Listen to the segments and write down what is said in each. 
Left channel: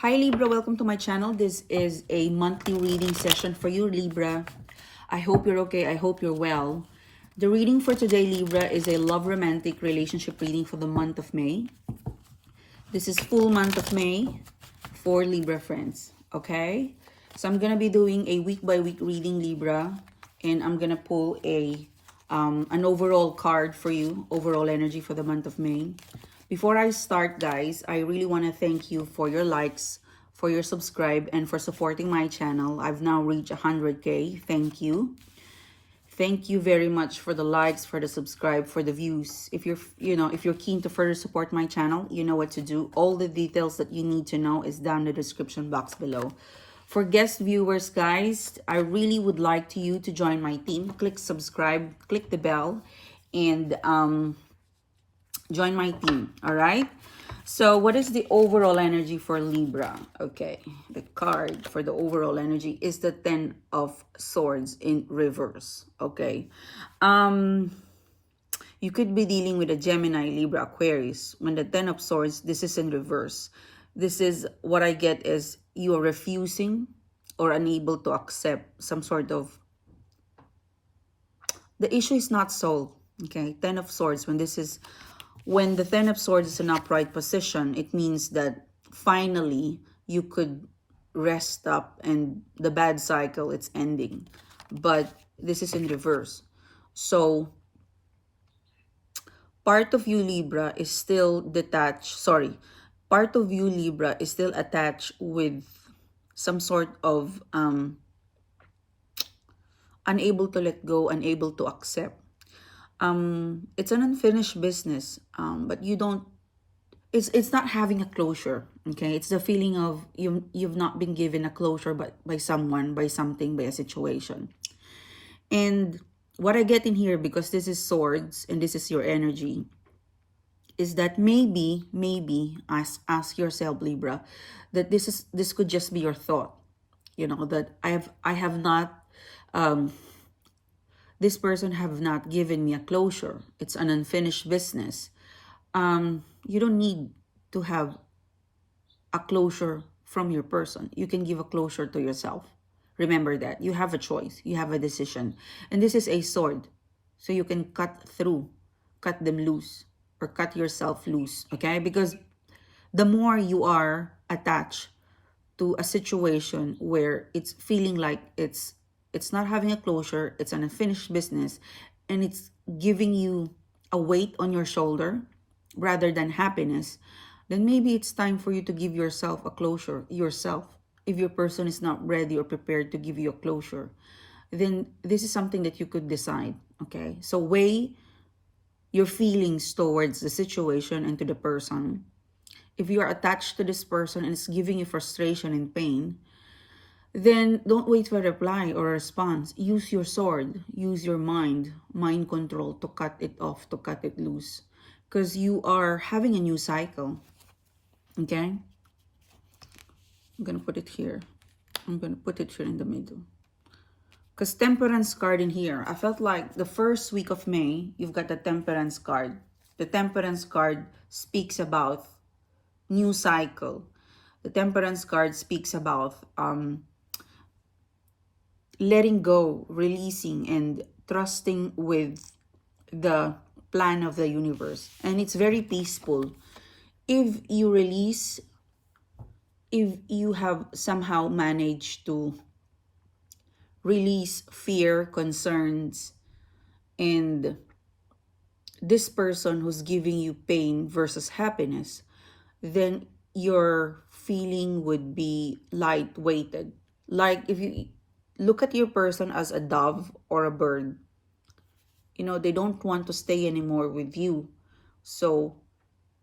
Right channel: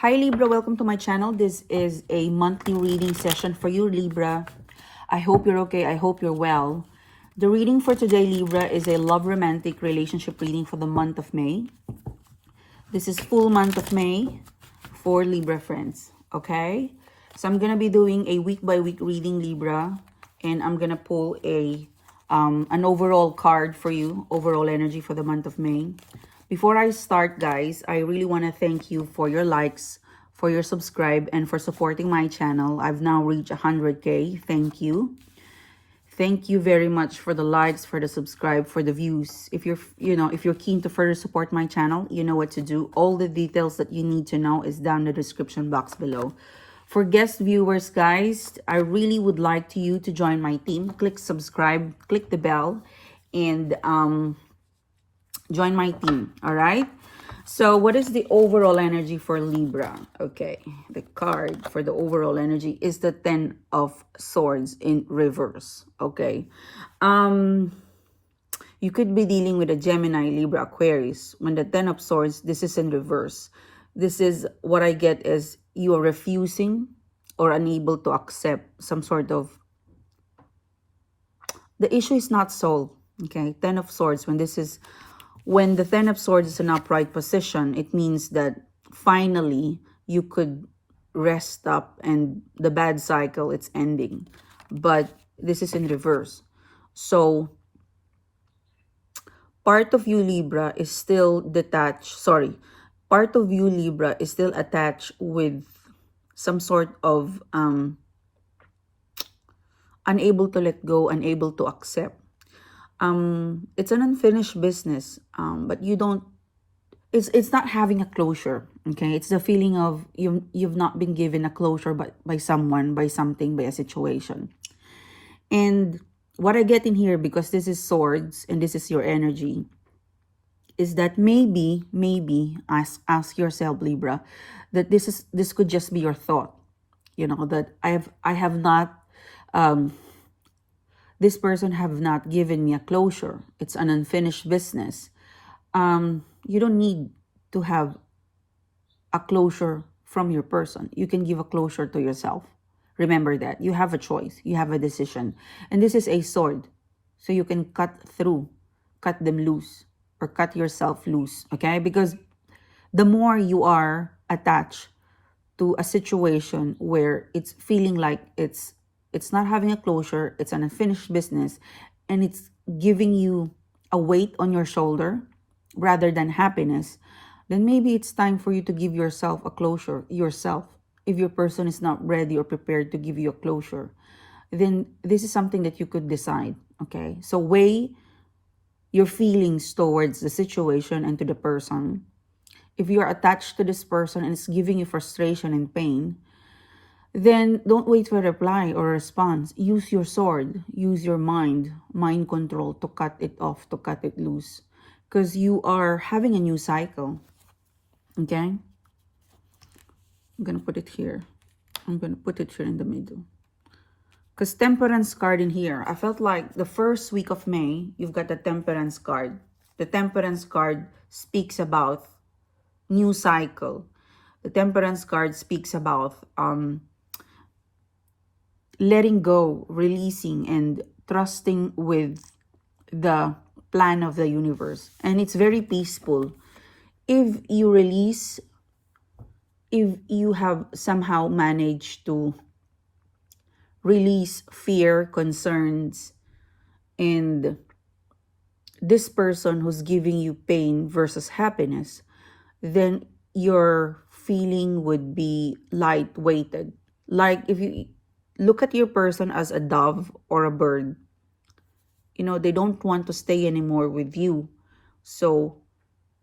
Hi Libra, welcome to my channel. This is a monthly reading session for you, Libra. I hope you're okay. I hope you're well. The reading for today, Libra, is a love romantic relationship reading for the month of May. This is full month of May for Libra friends, okay? So I'm going to be doing a week by week reading, Libra, and I'm going to pull an overall card for you, overall energy for the month of May. Before I start, guys, I really want to thank you for your likes, for your subscribe, and for supporting my channel. I've now reached 100K. Thank you. Thank you very much for the likes, for the subscribe, for the views. If you're keen to further support my channel, you know what to do. All the details that you need to know is down in the description box below. For guest viewers, guys, I really would like you to join my team. Click subscribe, click the bell, and join my team. All right. So what is the overall energy for Libra? Okay, the card for the overall energy is the 10 of Swords in reverse. Okay. You could be dealing with a Gemini, Libra, Aquarius. When the 10 of Swords, this is in reverse. This is what I get is you are refusing or unable to accept some sort of... The issue is not solved. Okay, 10 of Swords, when the 10 of Swords is in upright position, it means that finally you could rest up and the bad cycle, it's ending. But this is in reverse. So part of you, Libra, is still detached. Sorry. Part of you, Libra, is still attached with some sort of unable to let go, unable to accept. It's an unfinished business, but you don't, it's not having a closure. Okay, it's the feeling of you've not been given a closure by someone, by something, by a situation. And what I get in here, because this is Swords and this is your energy, is that maybe ask yourself, Libra, that this could just be your thought. You know, that I have not this person have not given me a closure. It's an unfinished business. You don't need to have a closure from your person. You can give a closure to yourself. Remember that. You have a choice. You have a decision. And this is a sword. So you can cut through, cut them loose, or cut yourself loose. Okay? Because the more you are attached to a situation where it's feeling like it's not having a closure, it's an unfinished business, and it's giving you a weight on your shoulder rather than happiness, then maybe it's time for you to give yourself a closure, yourself. If your person is not ready or prepared to give you a closure, then this is something that you could decide, okay? So weigh your feelings towards the situation and to the person. If you're attached to this person and it's giving you frustration and pain, then don't wait for a reply or a response. Use your sword. Use your mind control to cut it off, to cut it loose. Because you are having a new cycle. Okay? I'm going to put it here. I'm going to put it here in the middle. Because Temperance card in here, I felt like the first week of May, you've got the Temperance card. The Temperance card speaks about new cycle. The Temperance card speaks about letting go, releasing, and trusting with the plan of the universe. And it's very peaceful. If you release, if you have somehow managed to release fear, concerns, and this person who's giving you pain versus happiness, then your feeling would be light-weighted. Like if you look at your person as a dove or a bird, you know, they don't want to stay anymore with you. So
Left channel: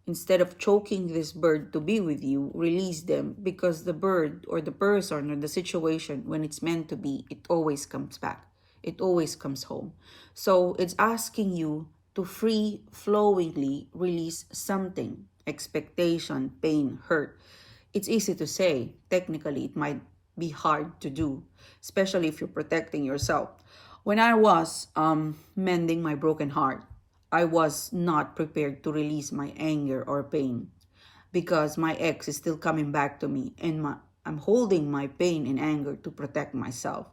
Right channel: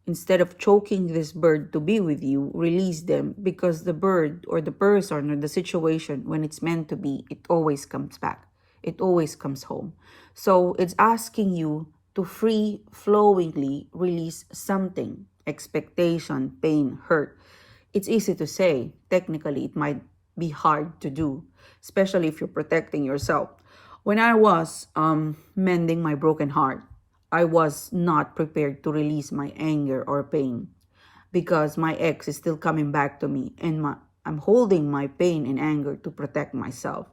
instead of choking this bird to be with you, release them, because the bird or the person or the situation, when it's meant to be, it always comes back. It always comes home. So it's asking you to free-flowingly release something, expectation, pain, hurt. It's easy to say. Technically, it might be hard to do, especially if you're protecting yourself. When I was mending my broken heart, I was not prepared to release my anger or pain. because my ex is still coming back to me, and I'm holding my pain and anger to protect myself.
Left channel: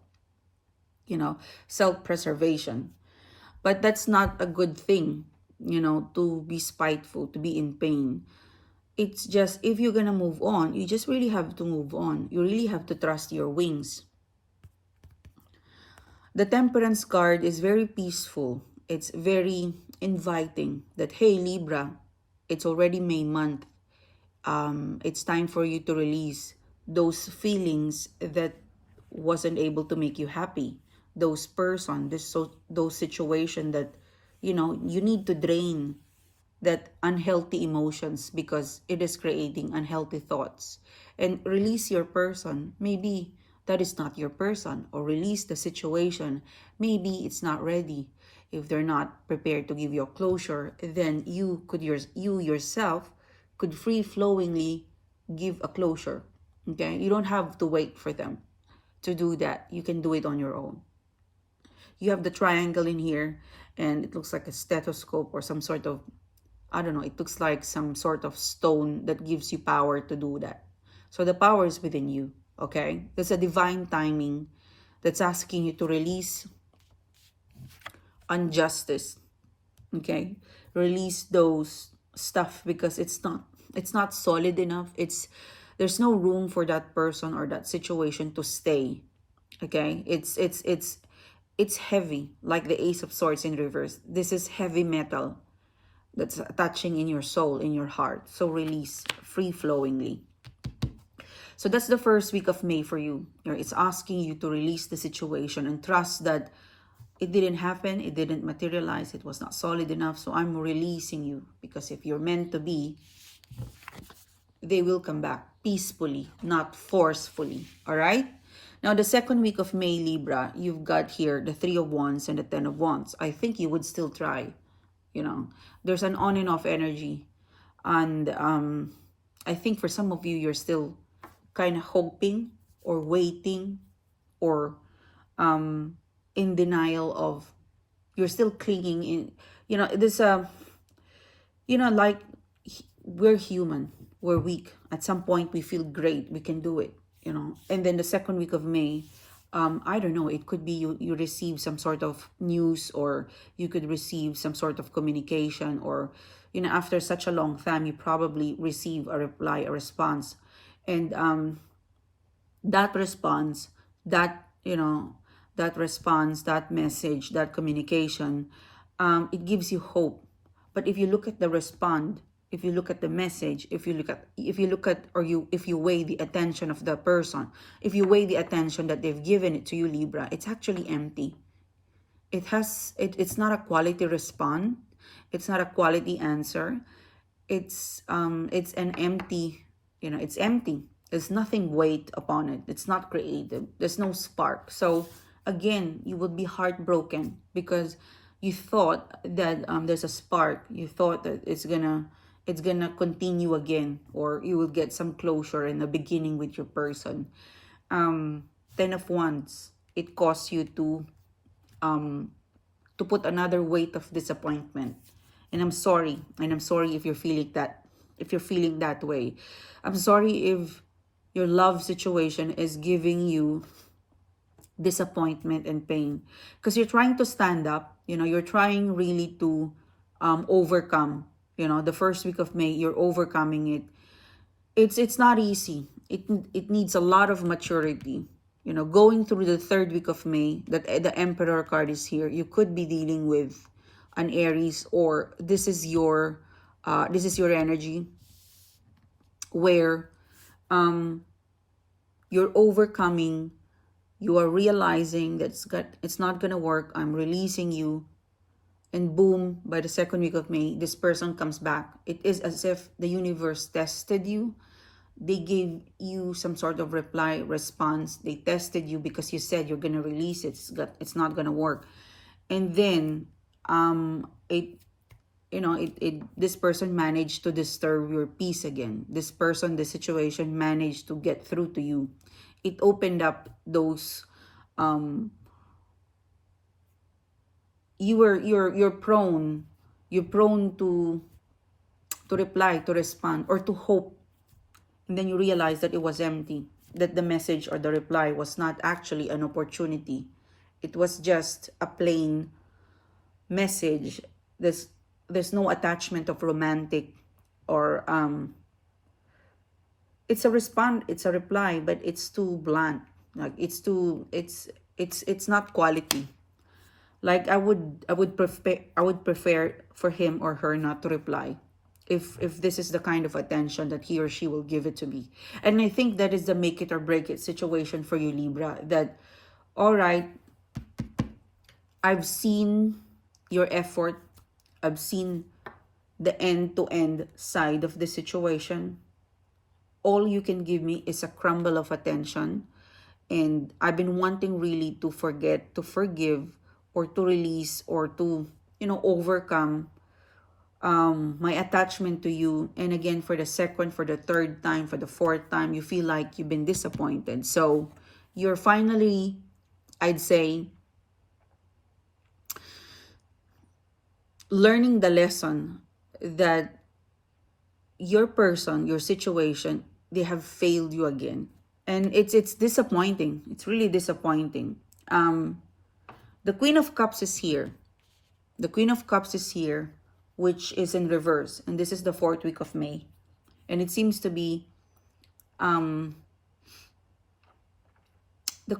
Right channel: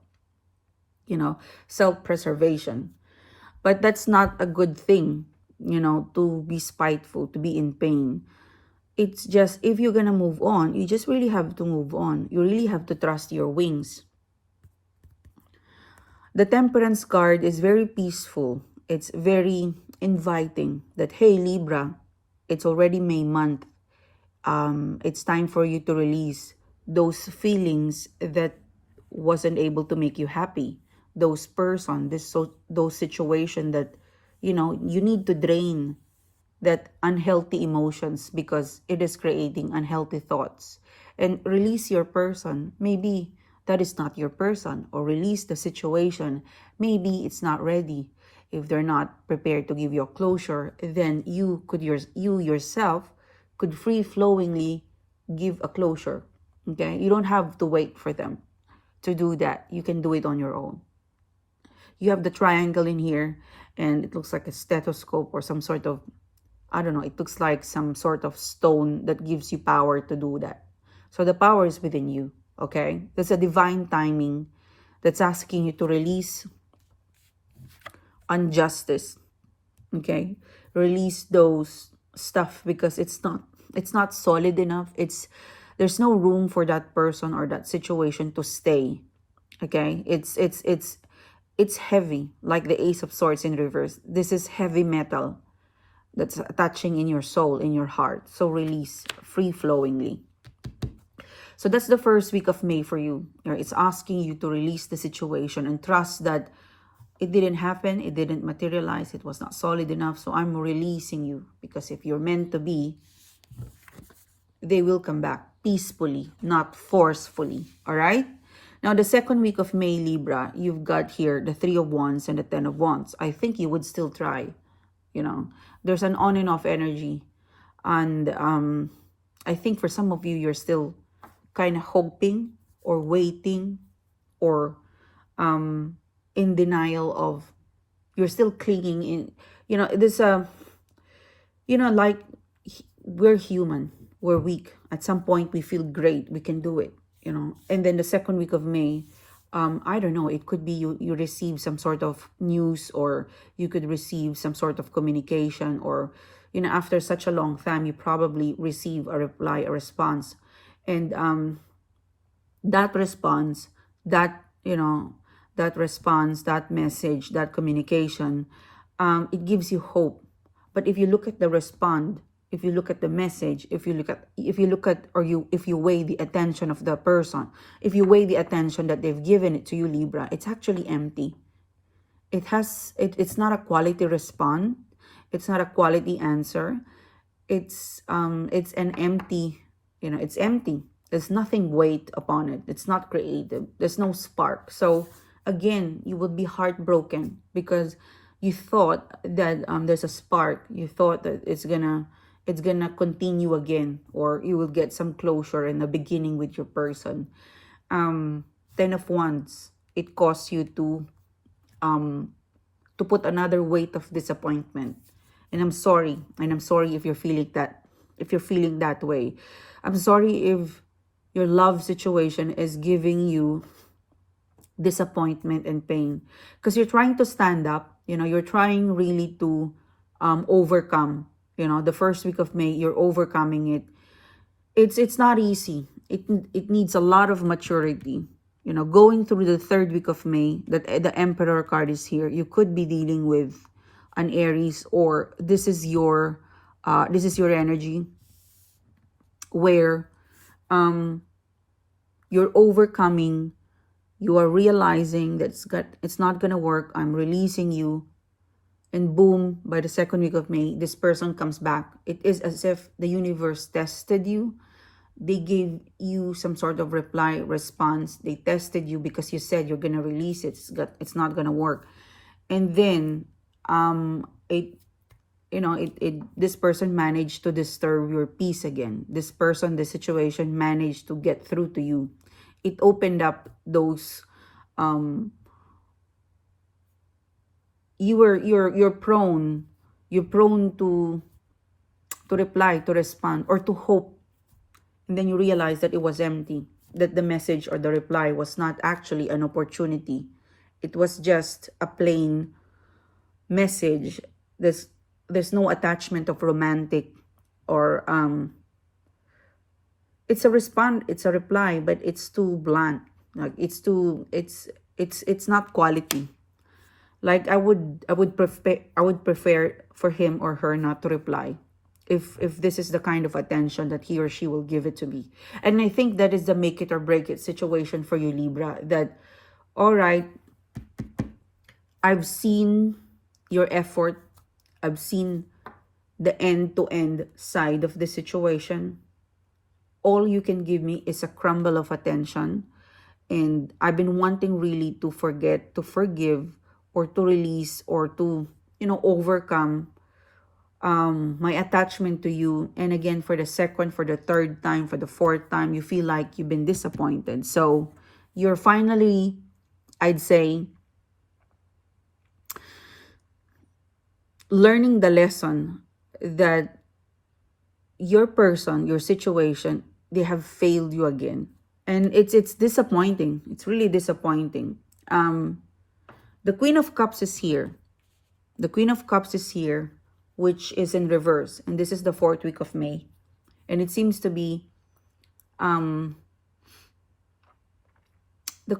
Self-preservation. But that's not a good thing, to be spiteful, to be in pain. It's just, if you're gonna move on, you just really have to move on. You really have to trust your wings. The Temperance card is very peaceful. It's very inviting that, hey, Libra, it's already May month. It's time for you to release those feelings that wasn't able to make you happy. Those person, those situation that, you need to drain that unhealthy emotions because it is creating unhealthy thoughts, and release your person. Maybe that is not your person, or release the situation. Maybe it's not ready. If they're not prepared to give you a closure, then you yourself could free flowingly give a closure. Okay, you don't have to wait for them to do that. You can do it on your own. You have the triangle in here, and it looks like a stethoscope or some sort of, I don't know, it looks like some sort of stone that gives you power to do that. So the power is within you, okay? There's a divine timing that's asking you to release injustice, okay? Release those stuff because it's not solid enough. There's no room for that person or that situation to stay. Okay? It's heavy, like the Ace of Swords in reverse. This is heavy metal that's attaching in your soul, in your heart. So release free flowingly. So that's the first week of May for you. It's asking you to release the situation and trust that it didn't happen, it didn't materialize, it was not solid enough. So I'm releasing you, because if you're meant to be, they will come back peacefully, not forcefully. All right? Now, the second week of May, Libra, you've got here the Three of Wands and the Ten of Wands. I think you would still try. There's an on and off energy. And I think for some of you, you're still kind of hoping or waiting, or in denial of, you're still clinging in. This, like, we're human. We're weak. At some point, we feel great. We can do it, And then the second week of May, I don't know, it could be you receive some sort of news, or you could receive some sort of communication, or, after such a long time, you probably receive a reply, a response. And that response, that message, that communication, it gives you hope. But if you look at the respond, if you look at the message, if you look at, or if you weigh the attention of the person, if you weigh the attention that they've given it to you, Libra, it's actually empty. It's not a quality response. It's not a quality answer. It's an empty, it's empty. There's nothing weight upon it. It's not creative. There's no spark. So again, you would be heartbroken because you thought that there's a spark. You thought that it's gonna continue again, or you will get some closure in the beginning with your person. Ten of Wands, it caused you to put another weight of disappointment. And I'm sorry if you're feeling that way. I'm sorry if your love situation is giving you disappointment and pain, because you're trying to stand up. You're trying really to overcome. The first week of May, you're overcoming it. It's not easy. It needs a lot of maturity. Going through the third week of May, that the Emperor card is here. You could be dealing with an Aries, or this is your energy, where you're overcoming. You are realizing that it's not gonna work. I'm releasing you. And boom, by the second week of May, this person comes back. It is as if the universe tested you. They gave you some sort of response. They tested you because you said you're gonna release it. It's not gonna work. And then this person managed to disturb your peace again. This situation managed to get through to you. It opened up those you're prone to to reply, to respond, or to hope. And then you realize that it was empty, that the message or the reply was not actually an opportunity. It was just a plain message. There's no attachment of romantic or it's a respond, it's a reply, but it's too blunt. Like it's not quality. Like I would prefer for him or her not to reply if this is the kind of attention that he or she will give it to me. And I think that is the make it or break it situation for you, Libra. That, all right, I've seen your effort. I've seen the end-to-end side of the situation. All you can give me is a crumble of attention. And I've been wanting really to forget, to forgive, or to release, or to, overcome my attachment to you. And again, for the second, for the third time, for the fourth time, you feel like you've been disappointed. So you're finally, I'd say, learning the lesson that your person, your situation, they have failed you again. And it's disappointing. It's really disappointing. The Queen of Cups is here. The Queen of Cups is here, which is in reverse. And this is the 4th week of May. And it seems to be the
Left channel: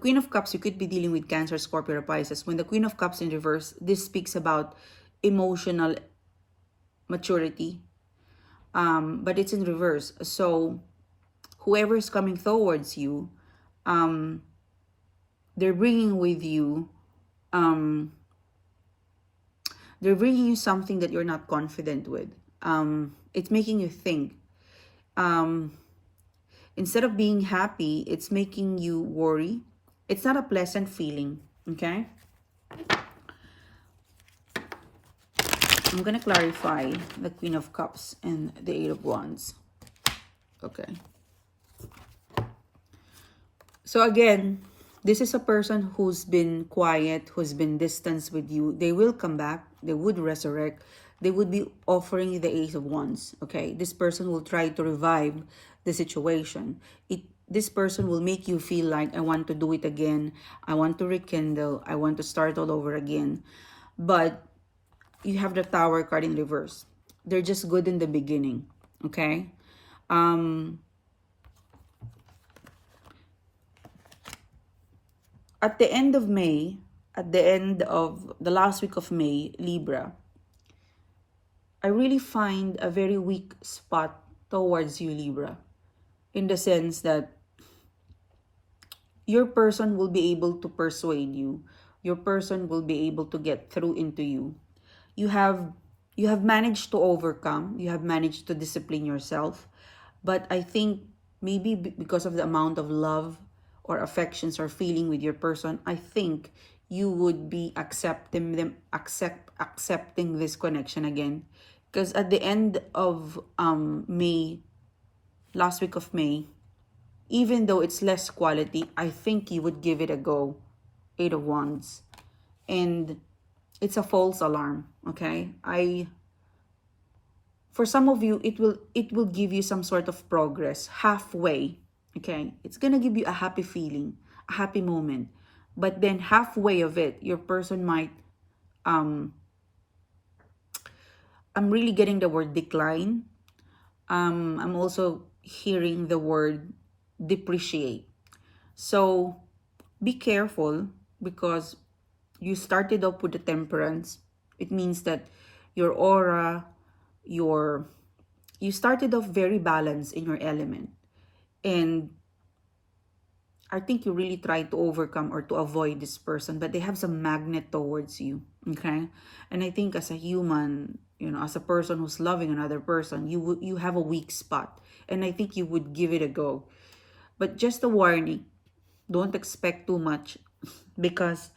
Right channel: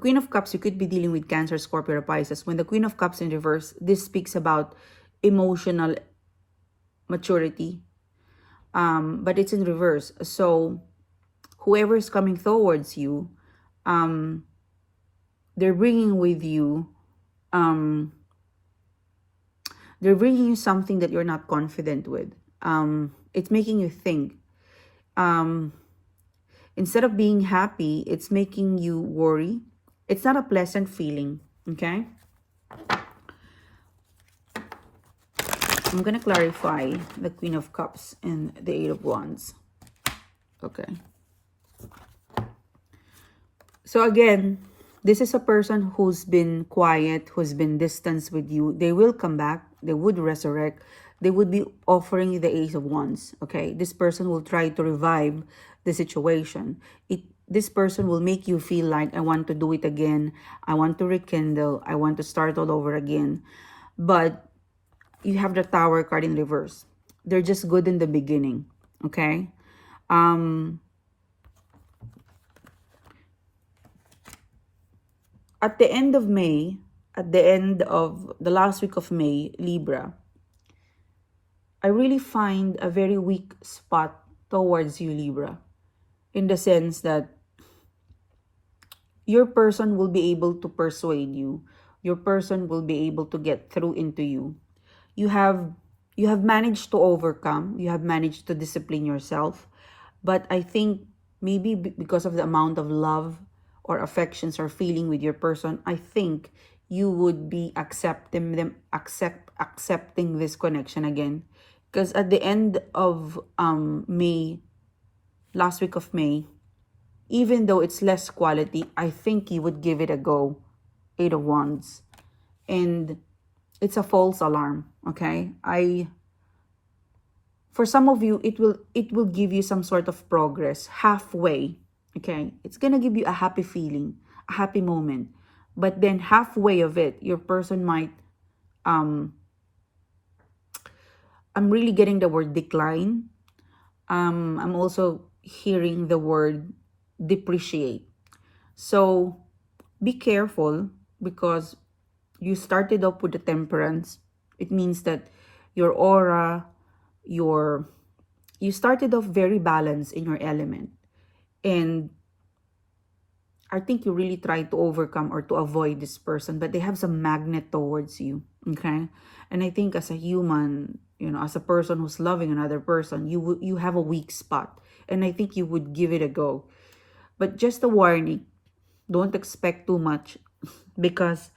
Queen of Cups, you could be dealing with Cancer, Scorpio, or Pisces. When the Queen of Cups in reverse, this speaks about emotional maturity. But it's in reverse. So whoever is coming towards you, they're bringing with you, they're bringing you something that you're not confident with. It's making you think. Instead of being happy, it's making you worry. It's not a pleasant feeling, okay? I'm going to clarify the Queen of Cups and the 8 of Wands. Okay. So again, this is a person who's been quiet, who's been distanced with you. They will come back. They would resurrect. They would be offering you the Ace of Wands. Okay. This person will try to revive the situation. This person will make you feel like, I want to do it again. I want to rekindle. I want to start all over again. But you have the Tower card in reverse. They're just good in the beginning. Okay. At the end of May, at the end of the last week of May, Libra, I really find a very weak spot towards you, Libra, in the sense that your person will be able to persuade you. Your person will be able to get through into you. You have managed to overcome. You have managed to discipline yourself. But I think maybe because of the amount of love or affections or feeling with your person, I think you would be accepting this connection again. Because at the end of May, last week of May, even though it's less quality, I think you would give it a go. 8 of Wands. And it's a false alarm, okay? For some of you, it will give you some sort of progress halfway, okay? It's gonna give you a happy feeling, a happy moment. But then halfway of it, your person might, I'm really getting the word decline. I'm also hearing the word depreciate. So be careful, because you started up with the Temperance. It means that your aura, you started off very balanced in your element. And I think you really tried to overcome or to avoid this person, but they have some magnet towards you, okay? And I think as a human, as a person who's loving another person, you have a weak spot. And I think you would give it a go. But just a warning, don't expect too much, because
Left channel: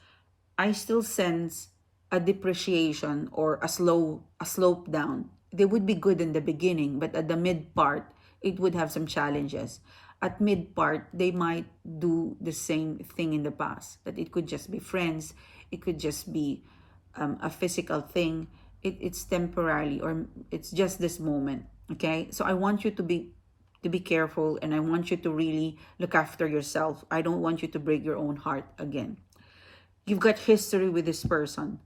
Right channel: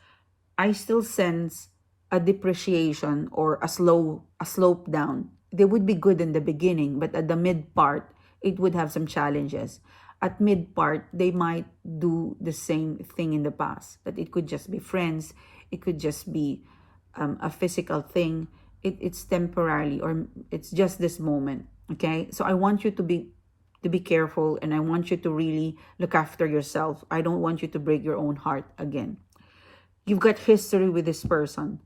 I still sense a depreciation or a slope down. They would be good in the beginning, but at the mid part, it would have some challenges. At mid part, they might do the same thing in the past. That it could just be friends. It could just be a physical thing. It's temporarily, or it's just this moment. Okay, so I want you to be careful, and I want you to really look after yourself. I don't want you to break your own heart again. You've got history with this person.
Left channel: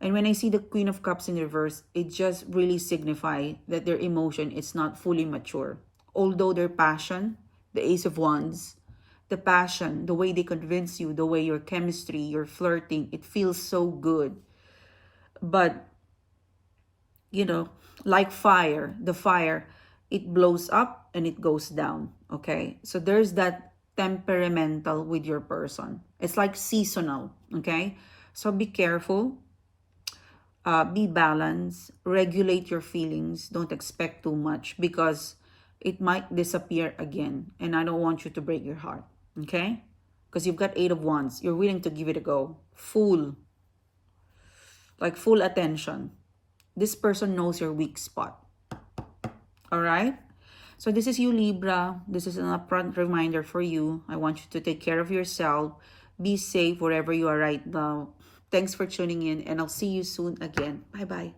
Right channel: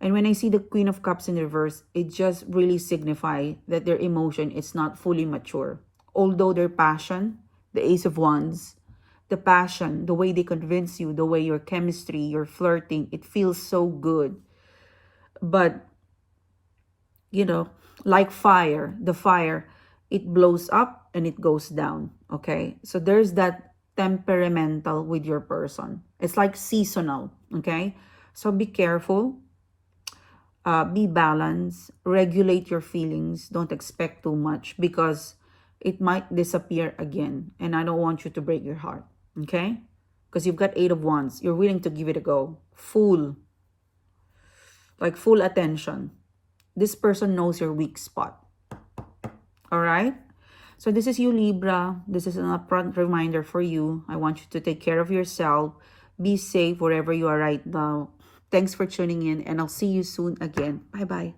And when I see the Queen of Cups in reverse, it just really signifies that their emotion is not fully mature. Although their passion, the Ace of Wands, the passion, the way they convince you, the way your chemistry, your flirting, it feels so good. But, you know, like fire, the fire, it blows up and it goes down. Okay? So there's that temperamental with your person. It's like seasonal. Okay? So be careful. Be balanced, regulate your feelings, don't expect too much because it might disappear again. And I don't want you to break your heart, okay? Because you've got Eight of Wands. You're willing to give it a go. Full, like full attention. This person knows your weak spot. All right? So this is you, Libra. This is an upfront reminder for you. I want you to take care of yourself. Be safe wherever you are right now. Thanks for tuning in, and I'll see you soon again. Bye-bye.